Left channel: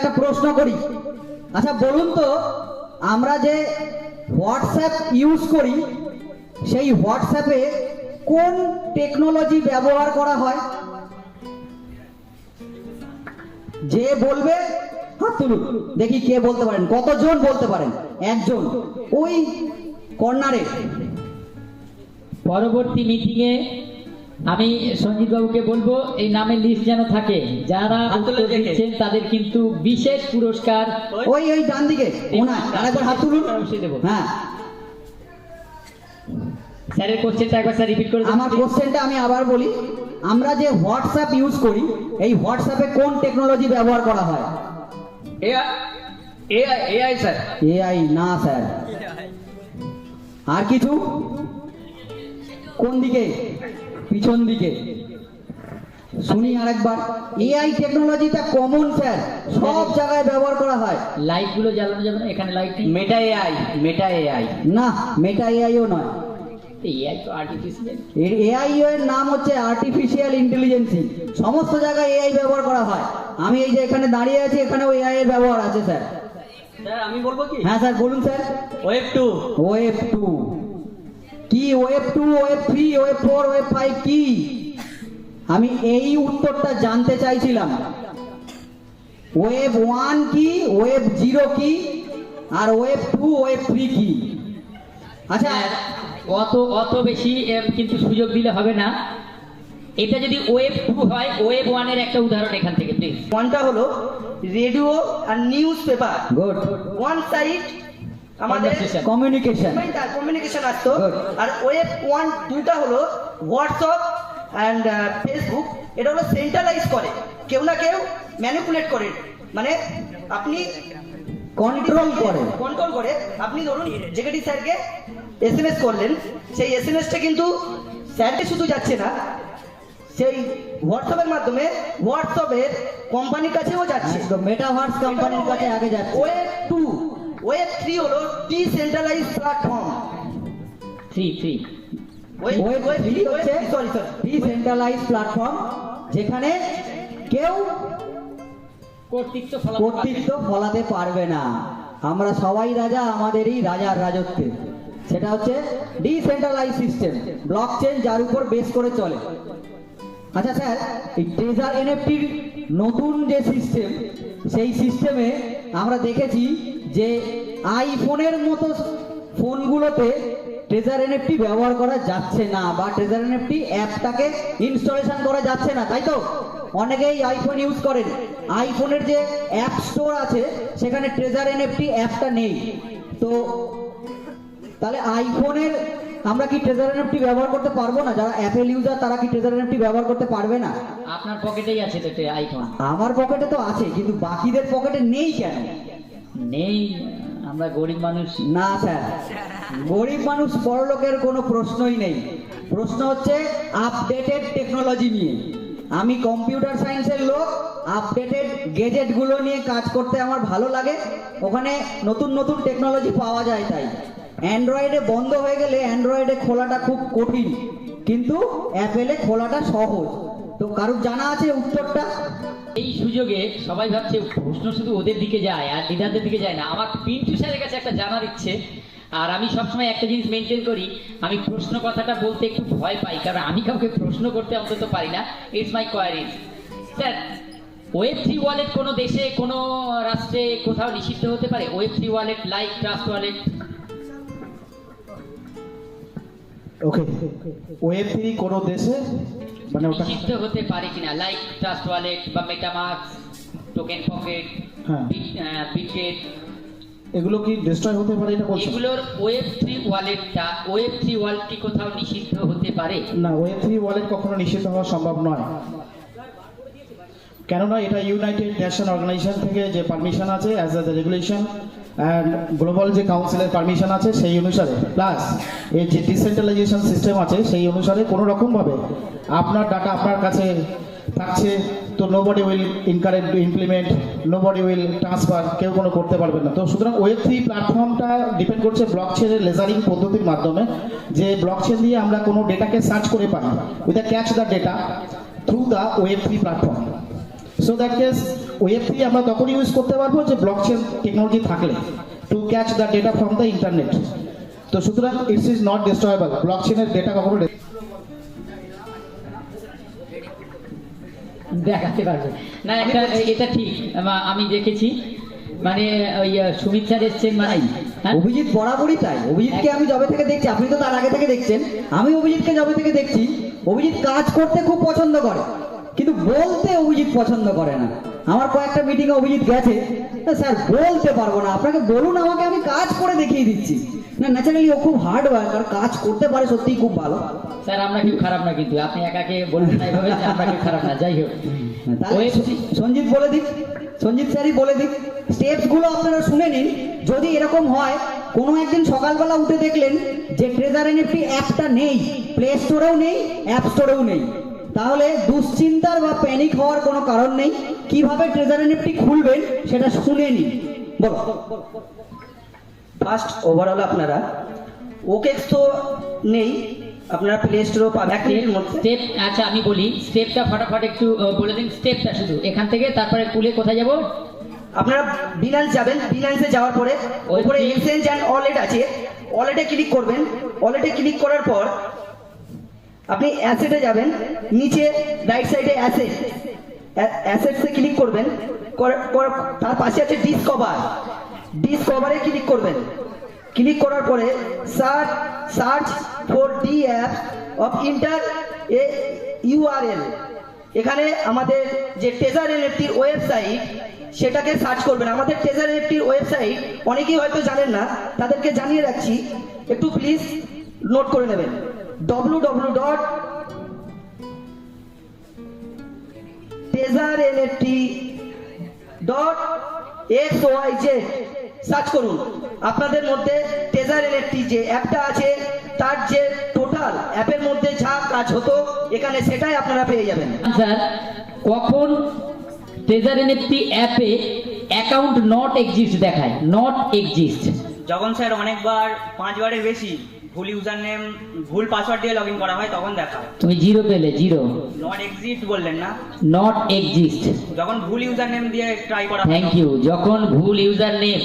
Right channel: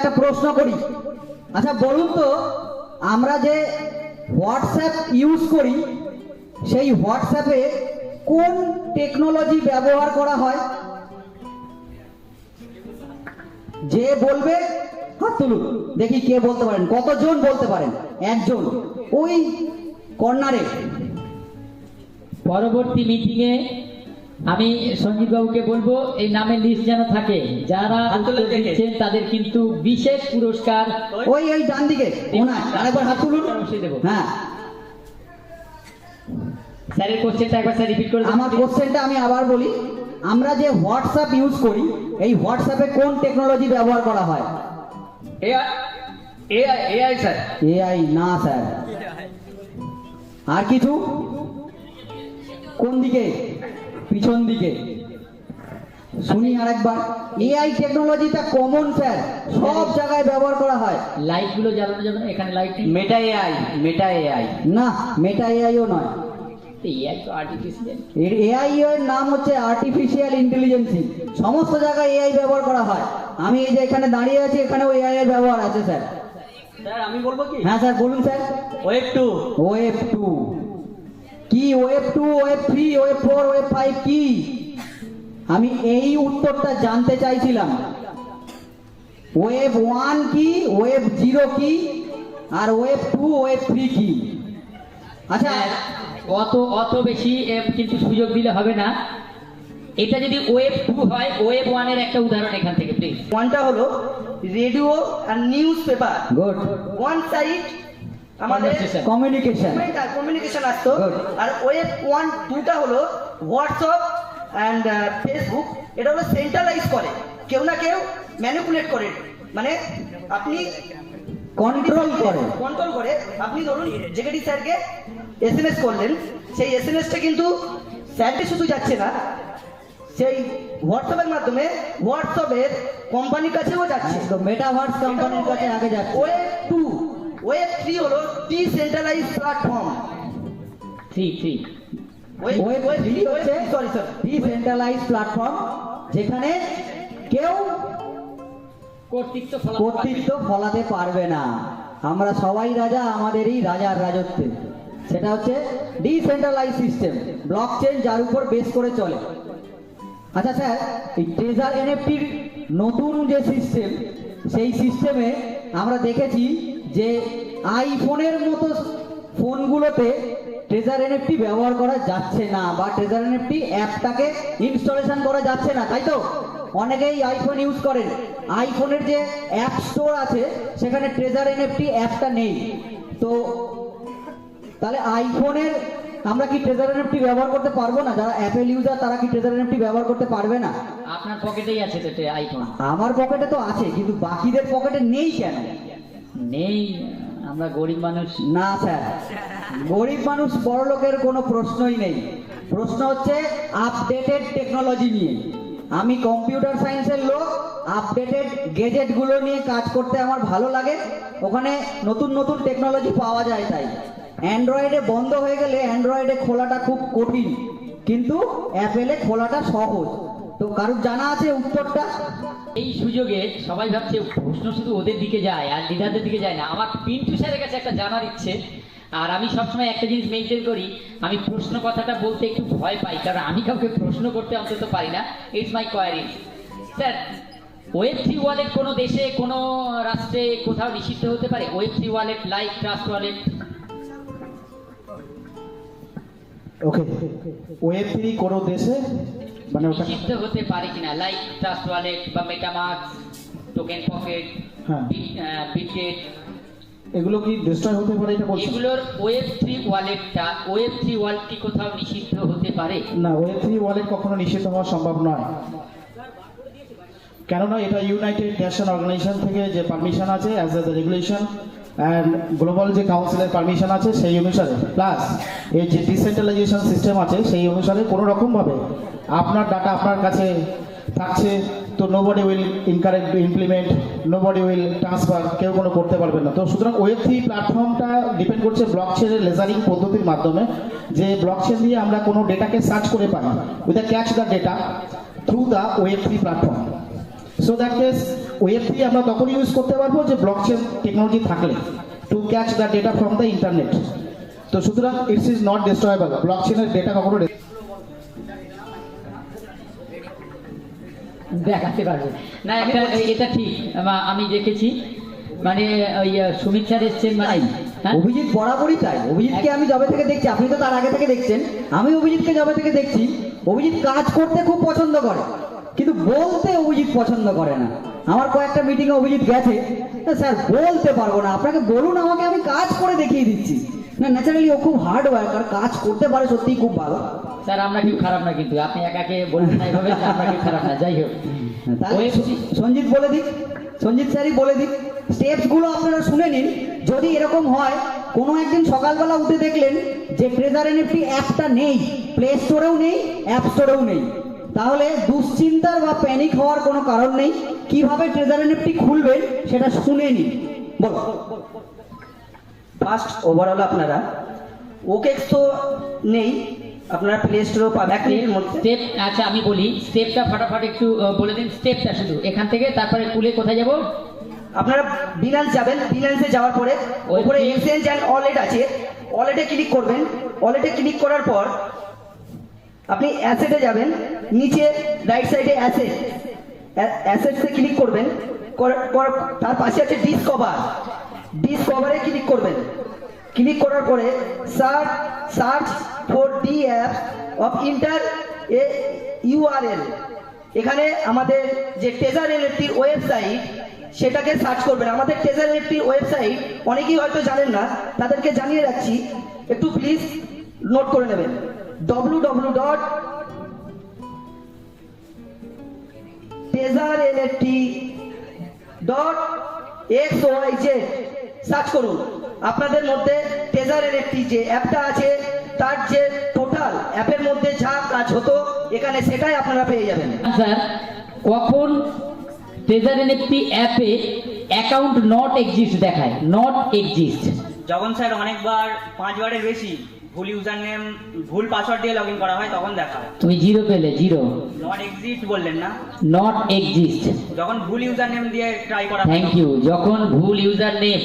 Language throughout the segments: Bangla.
একটা প্রশ্ন করি। আচ্ছা বলুন তো, আমরা যে হোয়াটসঅ্যাপ ইউজ করি, সেই হোয়াটসঅ্যাপে কোন টেকনোলজি ব্যবহার করা হয়? যে বলবে, হাত তুলুন, দেখি কে বলতে পারেন, কতজন বলতে পারেন? একজন। ওই কর্নারে পরবর্তী মিটিংয়ে আমি সঞ্জিত বাবুকে বলব এই নামের লিস্ট যেন থাকে। যারা। দিচ্ছেন তাদের কিন্তু বিশেষ পুরস্কার ওই ওই ডান দিকে আরেকবার হাত তুলুন। হ্যাঁ। স্যারের কোশ্চেনটা একবার স্যার রিপিট করে আমার কোশ্চেনটা আমি আবার বলি আমরা যে হোয়াটসঅ্যাপ ইউজ করি এই হোয়াটসঅ্যাপে কোন টেকনোলজি ব্যবহার করা হয়? এআই এআই স্যার এআই না স্যার আর কিছু? কোন দিকে? পিছন দিকে। শুনি আরেকবার। এআই টেকনোলজিটা কমন স্যার সব জায়গায় ব্যবহার করা হয়। লাইটগুলো জ্বালানো যাবে না এখানে light Meta AI Meta AI না মেটা এআইও নয়। এআই তো আর্টিফিশিয়াল এআই এর নাম হচ্ছে আর্টিফিশিয়াল ইন্টেলিজেন্সি সমস্ত জায়গায় এআই ব্যবহার করা হয়। আমি এই যে এখানে দাঁড়িয়ে আছি এখানেও এআই এর ব্যবহার আছে স্যার স্যার আমি বলব কি? হ্যাঁ স্যার বলুন sir web two web two কি web two web three web four web five কি আমি এই উত্তরটা জানতে চাইছিলাম। ওয়েব ওয়ান কি ওয়েব জিরো কি আর ওয়েব টু ওয়েব থ্রি কি আচ্ছা অত অত বেশি কিন্তু সুযোগ দিলে হবে না। এটা যদি ওয়েব টু হয় ওয়েব ওয়ানের একটা উদাহরণ এখান থেকে প্লিজ ওয়ানটা হলো রেডিও আর newspaper good one side আমাদের কমিউনিকেশন কমিউনিকেশন আসতো। আর ওয়েব ওয়ান টুটা হলো হোয়াটসঅ্যাপ অ্যান্ড ফেসবুক এটা হলো সেন্ট্রালাইজ করে। কেউ না কেউ ম্যানিপুলেট করে। মানে আপনি কন্ট্রোল করে। কন্ট্রোল করে আপনি ধরুন জেকেডি স্যারকে এস এম এস করলেন। সেই এস এম এসটা কিন্তু স্যারকে শুধু যাচ্ছে না সেই হোয়াটসঅ্যাপের মাধ্যমে হোয়াটসঅ্যাপের কোম্পানির কাছেও যাচ্ছে। মেটাভার্স কোম্পানির কাছে আগে যাচ্ছে। ওয়েব টু ওয়েব থ্রি হলো decentralise platform three three web three হচ্ছে সরি সরি ডিসেন্ট্রালাইজ প্ল্যাটফর্ম যেখানে কেউ কর্তৃত্ব ফলাতে পারবে না। আমরা সবাই রাজা আমাদেরই রাজার রাজত্বে। সেটা হচ্ছে ডিসেন্ট্রালাইজ সিস্টেম ব্লক চেন যার উপর বেস করে চলে। আচ্ছা স্যার এই ট্রেজার এনএফটির নতুন যে সিস্টেম সেই সিস্টেমে আমরা দেখেছি যে আইফোনের মতো ফোনগুলোতে ট্রেজার এনএফটি ব্যবহার করা যাচ্ছে না বা ট্রেজার এনএফটি অ্যাপটাকে ইনস্টলেশন করা যাচ্ছে না তাই তো? অনেকেই আইফোন ইউজ করেন। আইফোনের যে অ্যাপ স্টোর আছে সেখানে ট্রেজার এনএফটি অ্যাপটা নেই। তো তাহলে আইফোনের আমরা কি ট্রেজার এনএফটি ব্যবহার করতে পারব না? যারা অ্যাপেল ইউজার তারা কি ট্রেজার এনএফটি ব্যবহার করতে পারবে না? আপনার পকেটেই আছে তো আইফোন। আমার পকেটে তো আছে কিন্তু বাকিদের পকেটে নেই কেন? নেই, আমরা গরিব মানুষ। না, স্যার। গরিব মানুষ বড়লোকের কোনো প্রশ্নই নেই। প্রশ্ন হচ্ছে আপডেটেড টেকনোলজি নিয়ে। আমি কম্পিউটার সায়েন্সের লোক আপডেটেড গেজেটগুলো নিয়ে কাজ করতে আমার ভালো লাগে। ওখানে নতুন নতুন টেকনোলজি পাওয়া যায় তাই। অ্যান্ড্রয়েডে বন্ধ হয়ে গেলে অ্যান্ড্রয়েডে খোলাটা খুব কঠিন। কিন্তু অ্যাপেলে খোলাটা সহজ। তো কারুর জানা আছে উত্তরটা? এই সুযোগে সবাই ভাবছে, প্রশ্ন শুধু ওদের দিকে যায় আর দিদাদের দিকে যায় না। আমার পিন্টু স্যারের কাছে একটা জানার ইচ্ছে। আর আমি সবসময় একটা জিনিস মেনটেন করি, আমি প্রশ্ন কথাটা বলতে একটু ভয় পাই, কারণ আমি কাউকে প্রশ্ন করতে অন্তত পারি না। It's my query sir web three wallet কোনো দেশে, কোনো রাষ্ট্রে কোথাও নিষিদ্ধ হতে পারে? Web three wallet like trust wallet okay web three কোনো দেশে মানে ওটা নিষিদ্ধ হতে পারে কিনা লাইক ট্রাস্ট ওয়ালেট বা মেটামার্ক টোকেন পকেট হ্যাঁ। বিটগেট এগুলো কি ডিস্ট্রয় হতে পারে এটা বলছেন এগুলোর ওয়েব থ্রি ওয়ালেটটা ওয়েব থ্রি ওয়ালেট কি কোথাও নিষিদ্ধ হতে পারে? না ওয়েব থ্রি ওয়ালেট কখনো নিষিদ্ধ হওয়া সম্ভব নয়। কেননা এটা ইউনাইটেড নেশন অর্গানাইজেশন থেকে যে পারমিশন আছে as the regulation and global যে কাউন্সিলের পারমিশন আছে, সেই অনুসারে প্লাস এর যে ডিসেন্ট্রালাইজেশন সিস্টেম আছে, সেই অনুসারে কোনো রকমভাবে আপনার ডাটা আপনার কাছে থাকছে, তো nobody will incorrect implement nobody will transfer কেউ কোনো করতে পারবে না। তো সুতরাং ওয়েব থ্রি প্ল্যাটফর্মটা ডিপেন্ড করছে ব্লক চেনের লেজারিং পদ্ধতির মাধ্যমে, যে ব্লক চেন দিয়ে আমরা কোনো ডেটাকে সার্চ করে পাই। With catch the data through the web three platform so that case web three আমরা তখন ইউজ করতে পারব যে ব্লক চেন টেকনোলজি থাকলে to catch the data from the internet তো সুতরাং ইটস ইজ নট ডিস্ট্রয়েবল ব্লক চেনের ডেটা কখনো দেখাতে পারবে। না এটা এটা ঠিক আমা- আমি দেখেছি মানে ওই সুমিত স্যার এসছেন মানে হ্যাঁ? অভিজিৎ বরাবরই তাই। অভিজিৎকে আমি জবে থেকে দেখছি আপনি তো তার আগে থেকে দেখছেন। আমি অভিজিৎকে জবে থেকে দেখছি। অভিজিৎ কাজ করতে খুব পছন্দ করে। কিন্তু বলতে অভিজিৎ পছন্দ করে না। আমার কয়েকটা মিটিংয়ে অভিজিৎ গেছে। "না, স্যার বলতে পারব না। আপনাকে বলুন আমাকে আমি কাজ করে দেখিয়ে দিচ্ছি। না ন্যাচারালি ও খুব হার্ড ওয়ার্ক আর কাজ করতে পারে সত্যিই খুব ভালো। স্যার আমরা কেউ খারাপ না কিন্তু। আপনি একাকে বলবেন না এভাবে যে আমরা কেউ খারাপ না। যাই হোক। তাহলে সঞ্জিত বলে দিক। সঞ্জিত স্যারই বলে দিক। স্টেপসগুলো আপনারা শুনে নিন। যদি এরকম হয় কোনো একদিন সকালবেলা উঠে দেখলেন যে ট্রেজার এনএফটি অ্যাপটা নেই। প্লে স্টোরেও নেই অ্যাপ স্টোরেও নেই। তাহলে দুশ্চিন্তার বা প্যানিক হওয়ার কোনো কারণ নেই। কীভাবে ট্রেজার এনএফটি খুলবেন সেটা শুনে নিন। বলো। ফার্স্ট ওভারঅল আপনারা ওকেক্স তো নেই আপনারা প্লে স্টোরেও পাবেন। এক স্টেপ আচ্ছা আমি বলি স্টেপটা ফটাফট একটু বলে দিন। স্টেপটা শুধু এখান থেকে তারপরে কুলে কোথায় যাব? আপনারা বিনান্স যাবেন। বিনান্সে যাওয়ার পরে ওপরে এক্সচেঞ্জ অ্যান্ড ওয়ালেট আছে। ওয়ালেটে ক্লিক করবেন। ওয়ালেটে ক্লিক করার পর আপনি অ্যাসেটে যাবেন, নিচে রাইট সাইডে অ্যাসেট অ্যাসেটসে ক্লিক করবেন, কর- কর- তার পাশে আছে ডিসকভার ডিসকভারে ক্লিক করবেন। ক্লিক করার পরে search search for the app of enter a URL এখানে আমাদের যে টেজার এনএফটির ওয়েবসাইট সেটাকে সার্চ করবেন। আমাদের টেজার এনএফটির ওয়েবসাইট অনেকেই হয়তো জানেন না, তাদেরকে জানিয়ে রাখছি, একটু প্লিজ নোট করে নেবেন। W W dot treasure NFT dot X Y Z search করুন। আপনাদের মধ্যে টেজার এনএফটি যে অ্যাপটা আছে তার যে টোটাল অ্যাপের মধ্যে যা কাজ হতো এখানে সেটাই আপনারা পেয়ে যাবেন। স্যার কখন ট্রেজার এনএফটি অ্যাপে অ্যাকাউন্ট নট এক্সিস্ট দেখায় নট এক্সিস্ট যখন স্যার অনেকবার পাঁচবারের বেশি। ভুল ইউজার নেম ভুল পাসওয়ার্ড দিয়ে লগ ইন করা হয় তখন দেখায় তুমি জিরো পেলে জিরো। নট এক্সিস্ট বললেন না। নট এক্সিস্ট যখন ভুল ইউজার নেম দিয়ে ট্রাই করা থ্যাংক ইউ যখন ভুল ইউজার নেম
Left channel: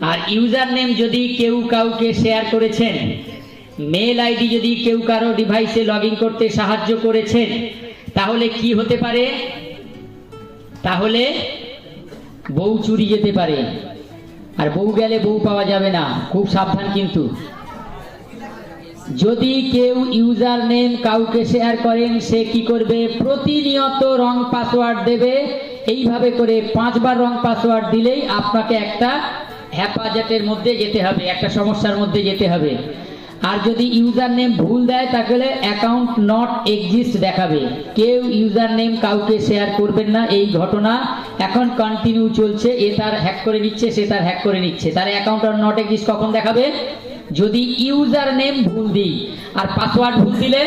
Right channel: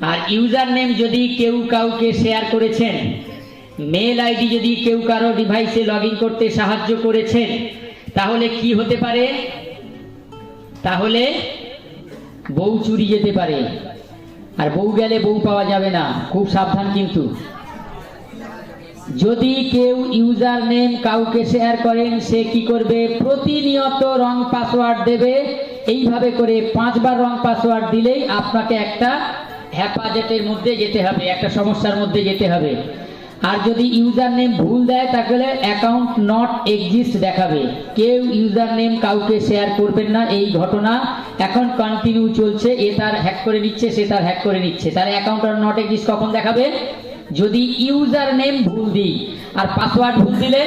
আর ইউজার নেম যদি কেউ কাউকে শেয়ার করেছেন মেল আইডি যদি কেউ কারও ডিভাইসে লগ ইন করতে সাহায্য করেছেন তাহলে কি হতে পারে? তাহলে বউ চুরি যেতে পারে। আর বউ গেলে বউ পাওয়া যাবে না। খুব সাবধান কিন্তু। যদি কেউ ইউজার নেম কাউকে শেয়ার করেন, সে কি করবে? প্রতিনিয়ত রং পাসওয়ার্ড দেবে। এইভাবে করে পাঁচবার রং পাসওয়ার্ড দিলেই আপনাকে একটা হেফাজতের মধ্যে যেতে হবে, একটা সমস্যার মধ্যে যেতে হবে। আর যদি ইউজার নেম ভুল দেয় তাহলে অ্যাকাউন্ট নট এক্সিস্ট দেখাবে। কেউ ইউজার নেম কাউকে শেয়ার করবেন না, এই ঘটনা এখন কন্টিনিউ চলছে। এ তার হ্যাক করে নিচ্ছে, সে তার হ্যাক করে নিচ্ছে। তার অ্যাকাউন্ট আর নট এক্সিস্ট কখন দেখাবে? যদি ইউজার নেম ভুল দিই আর পাসওয়ার্ড ভুল দিলে?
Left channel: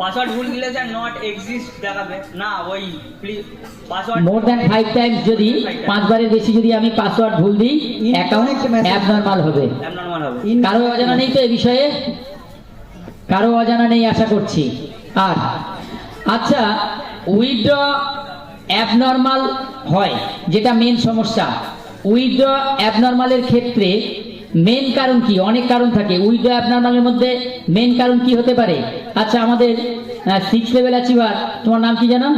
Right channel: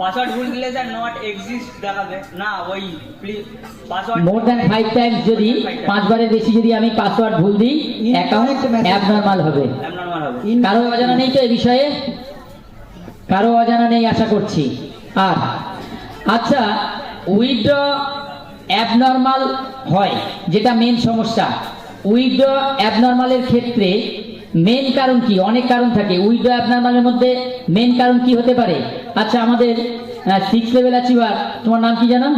পাসওয়ার্ড ভুল দিলে স্যার নট এক্সিস্ট দেখাবে। না ওই please password more than five times যদি পাঁচবারের বেশি যদি আমি পাসওয়ার্ড ভুল দিই অ্যাকাউন্ট অ্যাবনর্মাল হবে। কারও অজানা নেই তো এ বিষয়ে? কারও অজানা নেই আশা করছি। আর আচ্ছা উইথড্র অ্যাবনর্মাল হয় যেটা মেন সমস্যা। উইথড্র অ্যাবনর্মালের ক্ষেত্রে মেন কারণ কি? অনেক কারণ থাকে। উইথড্র অ্যাবনর্মালের মধ্যে মেন কারণ কি হতে পারে? আচ্ছা আমাদের সিক্স লেভেল অ্যাচিভার তোমার নাম কি জানো?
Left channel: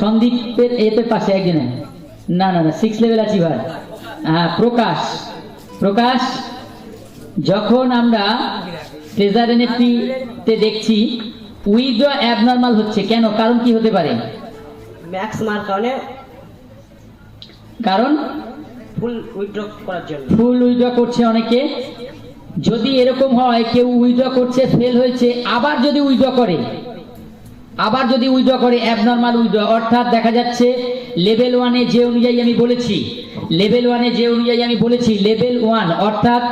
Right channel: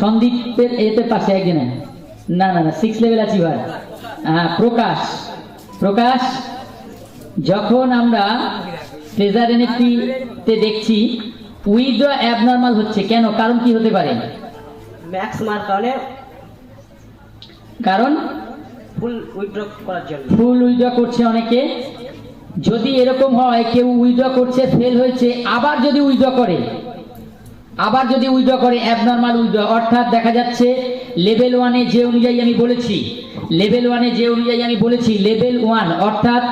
সন্দীপের এতে পাশে একজনে। না না না six level achiever Prakash. Prakash যখন আমরা ট্রেজার এনএফটি তে দেখছি উইথড্র অ্যাবনর্মাল হচ্ছে। কেন? কারণ কি হতে পারে? ম্যাক্স মার কারণ ফুল উইথড্র ফুল উইথড্র করছে অনেকে। যদি এরকম হয়, কেউ উইথড্র করছে ফেল হয়েছে, আবার যদি উইথড্র করে, আবার যদি উইথড্র করে অ্যাবনর্মাল উইথড্র অর্থাৎ দেখা যাচ্ছে লেভেল ওয়ানে যে অনুযায়ী আমি বলেছি লেভেল ওয়ানে যে অনুযায়ী আমি বলেছি লেভেল ওয়ান অর্থাৎ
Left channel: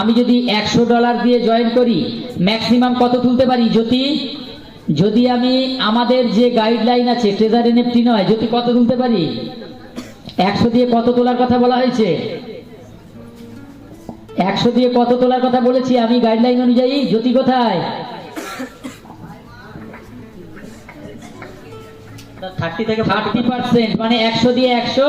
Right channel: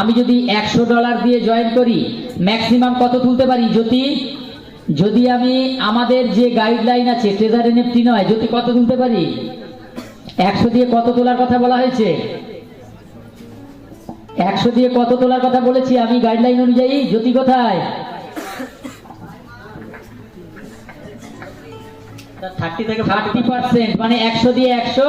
আমি যদি একশো ডলার দিয়ে জয়েন করি ম্যাক্সিমাম কত তুলতে পারি? যদি যদি আমি আমাদের যে গাইডলাইন আছে ট্রেজার এনএফটি নয়, যদি কত তুলতে পারি? একশো দিয়ে কত তোলার কথা বলা হয়েছে? একশো দিয়ে কত তোলার কথা বলেছি আমি গাইডলাইন অনুযায়ী? জ্যোতি কোথায়? থার্টি থেকে থার্টি পার্সেন্ট মানে একশো দিয়ে একশো।